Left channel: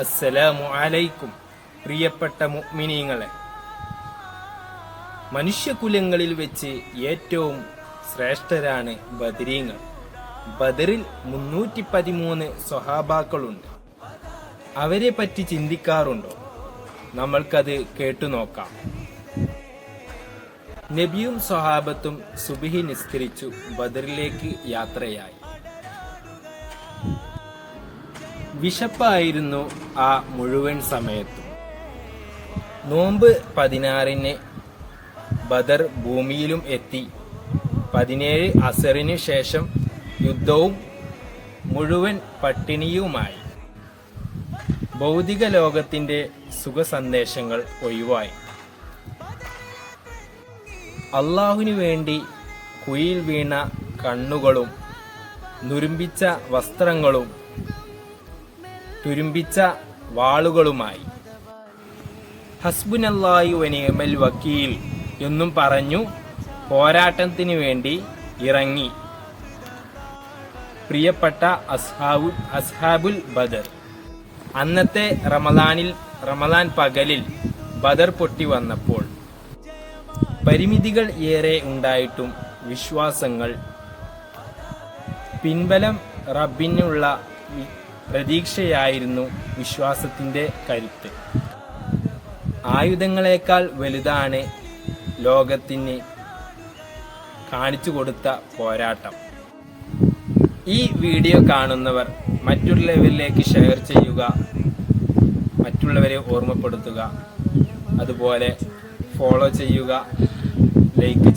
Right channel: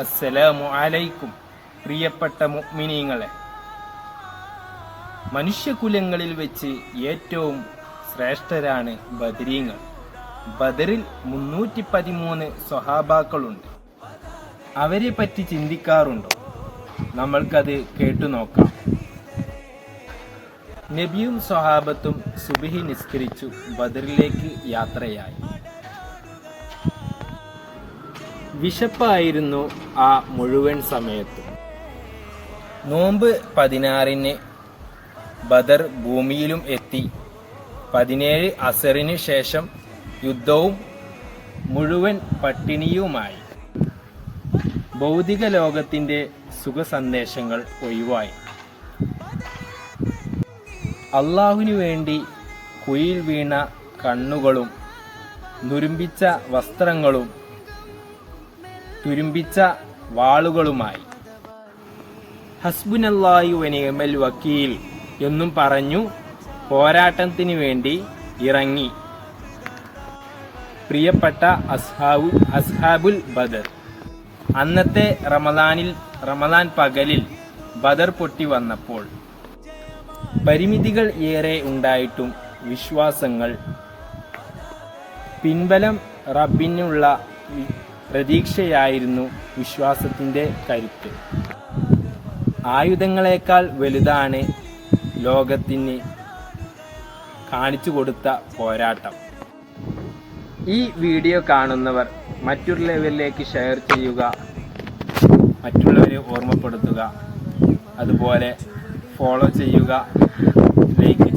അസ്സലാമു അലൈക്കും. പ്രിയപ്പെട്ട മുഅ്മിനീങ്ങളെ, മനുഷ്യകുലങ്ങളിൽ വെച്ച് ഏറ്റവും ശ്രേഷ്ഠരാണ് ബദരീങ്ങൾ. ബദറിൽ 313 സ്വഹാബാക്കളുണ്ട്. അവരെ പറ്റി ചിന്തിക്കാറുണ്ടോ? നമ്മൾക്കത് കേട്ടുനോക്കാം. നബിയും സ്വഹാബത്തും സുബ്ഹി നിസ്കരിച്ചു ബദറിലേക്ക് യാത്രയായി. വിശപ്പായിരുന്നു ആ മുഴുവൻ സമയത്തും. നോമ്പ് 16-ന് ബദർ ഭൂമിയിലും എത്തി. 17 അസറിന് ശേഷം യുദ്ധവും മുഴുവൻ പട്ടിണിയുമായി. ഭൗതിക ലോകത്തിന്റെ സുഖസന്ദേശങ്ങൾ ഒഴിവായി. അള്ളാഹുവിനു വേണ്ടി കുഴിയിൽ വീണ കണ്ണുകളും നുരുമ്പിച്ച വസ്ത്രങ്ങളും തുരുമ്പിച്ച വാളുകളുമായി. ഹസ്ബുനല്ലാഹു വനിഅമൽ വക്കീൽ എന്നും പറഞ്ഞു പോരാട്ടത്തിനു വേണ്ടി ഇറങ്ങി പ്രിയപ്പെട്ട അസ്ഹാബുൽ ബദർ. അന്നത്തെ റമദാൻ പകലിൽ ബദർ പൊട്ടി വന്നപ്പോൾ പരിമിതികൾ ഏറെ ഉണ്ടായിട്ടും വിശ്വാസങ്ങൾ, പിൻബലം, റബ്ബിനുള്ള പ്രതീക്ഷയായിരുന്നു വിശ്വാസത്തിന്റെ കരുത്ത്. ആയുധങ്ങളെക്കാൾ വലുതാണ് ലോകത്തിന് കാണിച്ചു കൊടുത്ത പോരാട്ടം. ഈ വീഡിയോ കാണുന്നവർ മറ്റുള്ളവരിലേക്ക് ഷെയർ ചെയ്യുക, മറ്റുള്ളവരെ ഓർമ്മപ്പെടുത്തുക, അതുപോലെ ഫോളോ ചെയ്യുക, ലൈക്ക്